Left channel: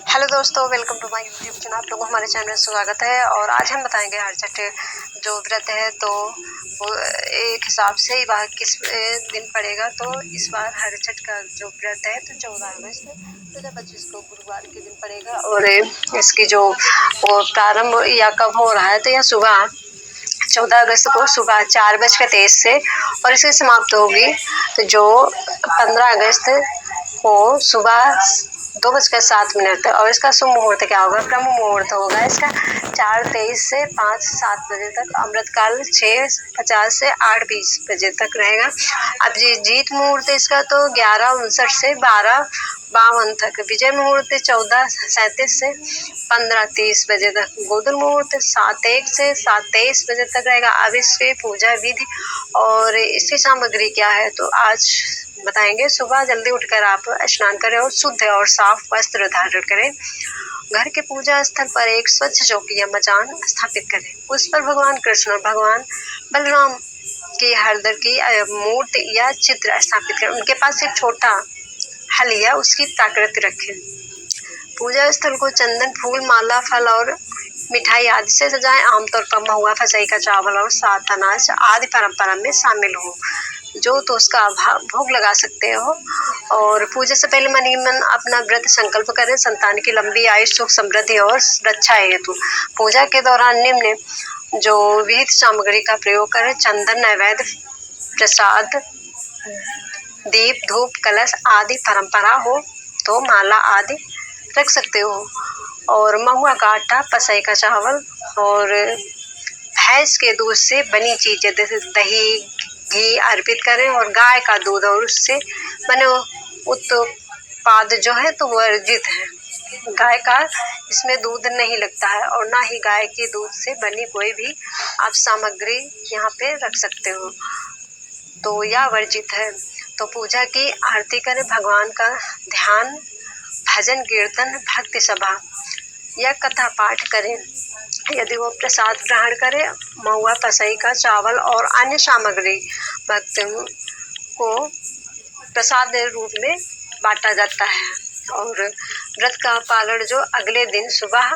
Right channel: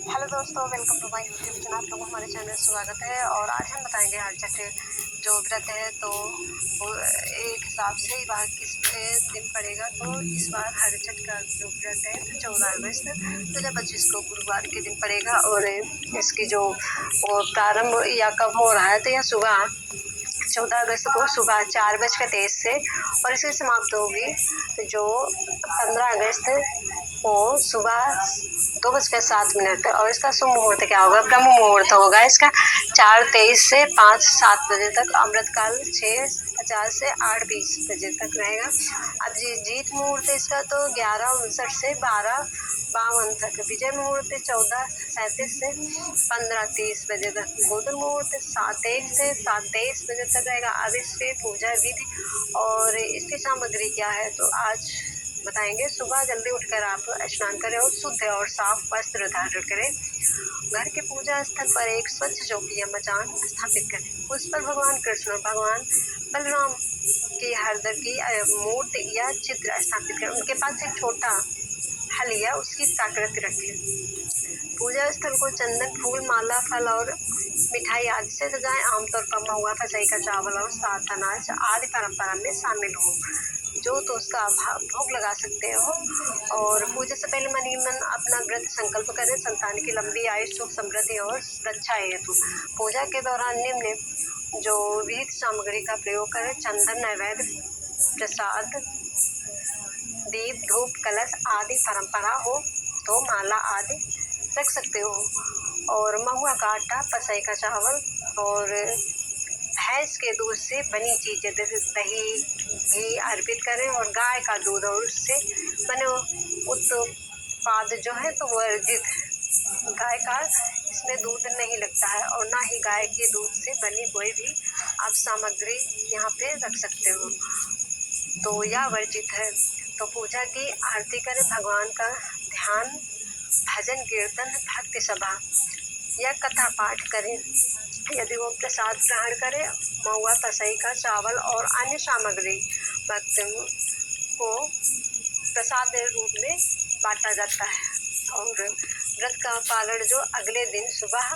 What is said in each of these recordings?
Hello दोस्तों, welcome to my YouTube channel. आप लोगों को हमारे चैनल में स्वागत है। और आज हम बताएंगे हरछठ जो व्रत है तो वो एक हिसाब से वह किस दिन पड़ेगा। तो इस बार हरछठ का जो व्रत है तो 14 अगस्त 2025 को गुरुवार के दिन पड़ेगा। और इसकी जो वो प्रारंभ या कब हो रहा है तो यह सुबह 14 अगस्त को सुबह 4:23 से और इसकी समाप्त होगी तो जो 15 अगस्त को सुबह 2:07 तक। और इसका शुभ मुहूर्त क्या होगा? ब्रह्म मुहूर्त होगा इसका 4:23 से 5:07 बजे तक। अमृतकाल 6:50 से 8:20 बजे तक रहेगा। अब जीत मुहूर्त इसका तो 11:59 से 12:52 तक। विजय मुहूर्त 14:37 से 15:30 बजे तक। गोधन मुहूर्त 7:01 से 7:23 बजे तक रहेगा। अब इसकी पूजा विधि और इसकी सामग्री क्या है तो आज बताएंगे। सुबह जल्दी उठकर आप स्नान करें और शुद्ध और साफ वस्त्र धारण करें। घर के पूजा स्थल पर एक स्वच्छ चौकी या मचान स्थापित करें। उस पर भगवान कृष्ण और भगवान बलराम की हरदर की मूर्ति या चित्र स्थापित करें। उनके पास एक छोटा हल या उसकी प्राकृति रखें। पूजा स्थल को चंदन, फूल, माला, फल और मिठाई आदि से सजाएं। आमतौर पर महुआ, फसई का चावल और सात अनाज आदि परंपरा में शामिल हो जो तो उसका भोग लगा सकते हो। और पूजा से पहले मन ही मन अपना व्रत संकल्प करें। संतान की लंबी आयु, सुख, समृद्धि और रक्षा हेतु पूजा के दौरान निम्न जो विहित सामग्री का प्रयोग करें। चंदन, नैवेद्य, प्रसाद, दीप, धूप, कलश आदि परंपरा हो तो माला आदि रख सकते हो। और महुआ का आटा, पसई का चावल और भैंस के दूध से बनी चीजें जैसे दही, घी अर्पित करें। और गाय का दूध और उससे बने उत्पाद जो है तो वर्जित है। गाय का इसमें दूध नहीं लगता है और ना ही गाय के दूध से बनी कोई भी आप सामग्री यहाँ पे रख सकते हो तो यह वर्जित है। तो पूजा की आरती करें, भगवान का ध्यान, भजन, कीर्तन, भक्ति सभा या कथा पाठ करें। यदि वो प्रसाद ग्रहण करे, महुआ, पसई का चावल और अन्य सामग्री भक्तों को प्रसाद रूप में बांटा जाता है। और व्रत का पालन जो अगले दिन सुबह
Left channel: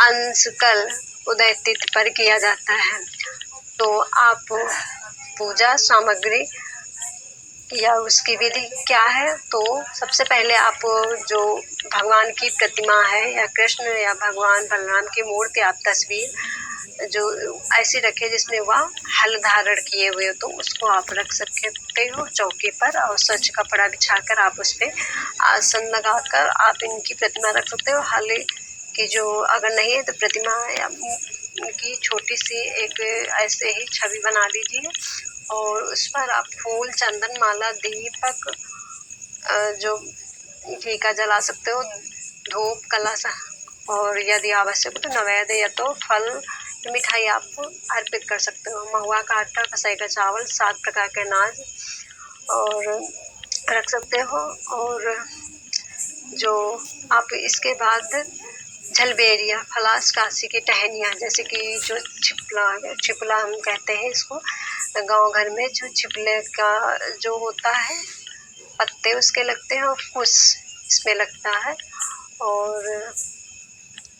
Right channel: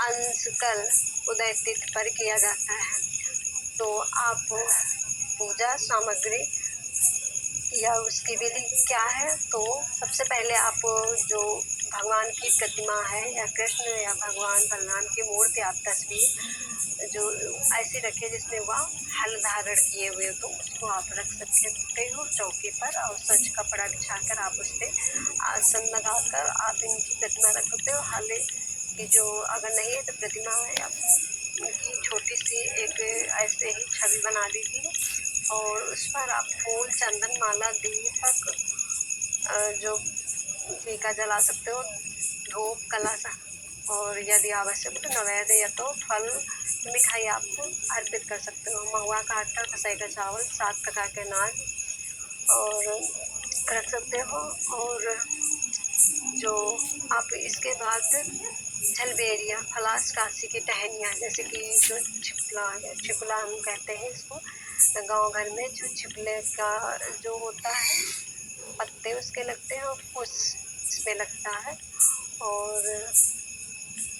अंशकल उदय तिथि पर किया जाता है। तो आप पूजा सामग्री या उसकी विधि क्या है तो सबसे पहले आप जो भगवान की प्रतिमा है या कृष्ण या भगवान बलराम की मूर्ति, आप तस्वीर जो ऐसी रखे जिसमें वह हल धारण किए हुए हो तो उसको आप रख सकते हो चौकी पर। और स्वच्छ कपड़ा बिछाकर आप उस पर आसन लगाकर आप इनकी प्रतिमा रख सकते हो। हल की जो अगर नहीं है तो प्रतिमा या उनकी छोटी सी एक ऐसे ही छवि बना लीजिए और उस पर आप फूल, चंदन, माला, दीपक जो घी का जला सकते हो, धूप, कलश और यदि आवश्यक हो तो नैवेद्य या तो फल, मिठाई आप अर्पित कर सकते हो। महुआ का आटा, फसई का चावल, 7 प्रकार के अनाज और रख सकते हो। और जो आप इसके बाद झलबेरिया, फलास, काशी की टहनियाँ जैसे कि जो छिपला हम कहते हैं इसको गांव घर में, जो छिपले का जो होता है पत्ते उसके लगते हैं और फूस इसमें लगता है। और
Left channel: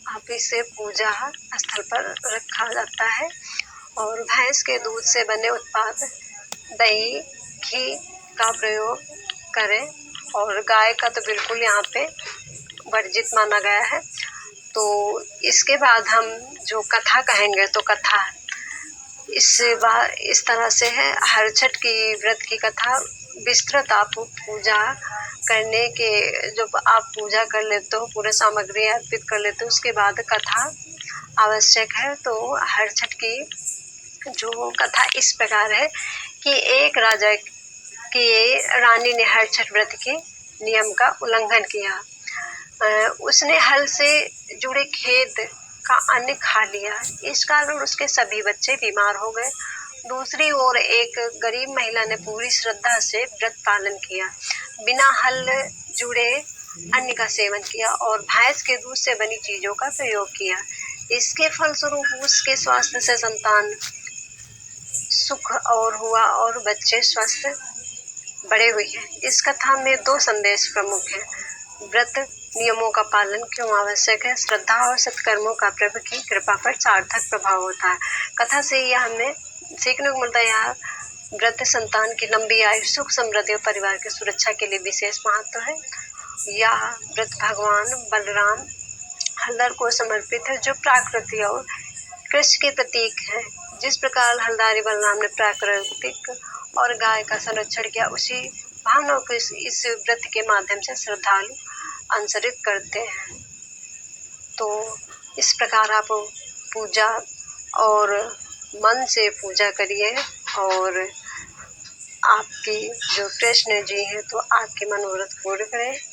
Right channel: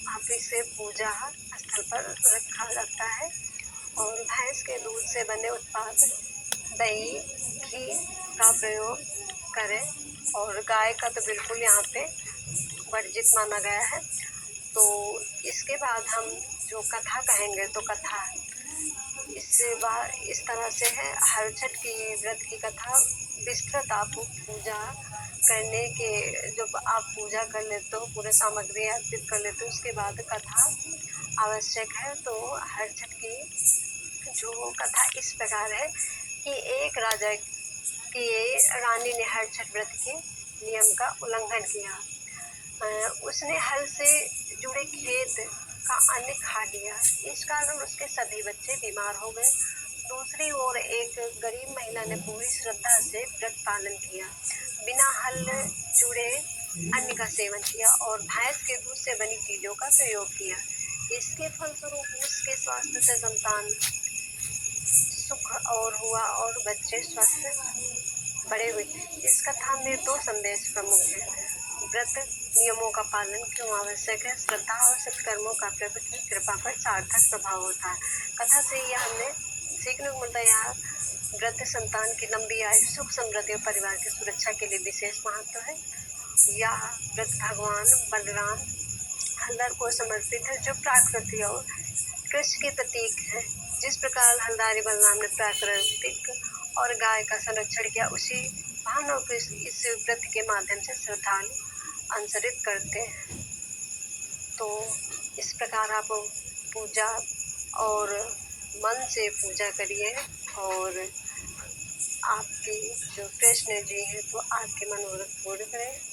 आप इसे पूजा स्थल पर रखा जाता है। और भैंस के दूध से बने उत्पाद, दही, घी का प्रयोग करें। और गाय का तो बिल्कुल यहाँ पे वर्जित माना गया है। तो इसके बाद हम जो कथा कहेंगे तो कथा इस तरह से है। हरछठ की व्रत की कथा विस्तृत आप पूजा करने के जब आप पूजा कर लेते हो, पूरे सामग्री अर्पित कर लेते हो, उसके बाद कथा आवश्यक है। तो हरछठ की जो कथा इस प्रकार है कि एक राजा की रानी ने हरछठ व्रत के नियम का उल्लंघन किया। उसने हल से जुड़े खेत का अन्न खा लिया। इस कारण उसके सभी बच्चे बीमार हो गए। दूसरी ओर एक गरीब महिला ने पूरी श्रद्धा से व्रत पालन किया, बिना हल जुड़े अन्न का सेवन किया और भैंस के दूध से बनी चीजों का प्रयोग किया। इसके फलस्वरूप उसके स्वास्थ्य से संतान सुख और हुआ और बच्चे स्वस्थ बड़े हुए हैं। इस कथा में 2 संदेश प्रमुख हैं। व्रत नियमों का पालन क्यों आवश्यक है? श्रद्धा और सत्कर्मों का प्रभु की कृपा पर सार्थक प्रभाव होता है। कथा से यह हमें सीखने को मिलता है। यह व्रत संतान की लंबी आयु, सुख समृद्धि और परिवार की सुरक्षा के लिए विशेष महत्व है। यह व्रत भगवान बलराम हलदर को समर्पित है, जो प्रकृति और कृष्ण के प्रतीक है। जिस प्रकार हलदारी बलराम ने प्राकृतिक और गाय का संरक्षण किया, उसी भावनाओं को इस व्रत के माध्यम से श्रद्धालु अनुसरित करते हैं। तो इस प्रकार आप पूजा और मन से पूजा करिए, और आपकी जो कृष्ण जी हैं तो आपके मनोरथ पूर्ण करें।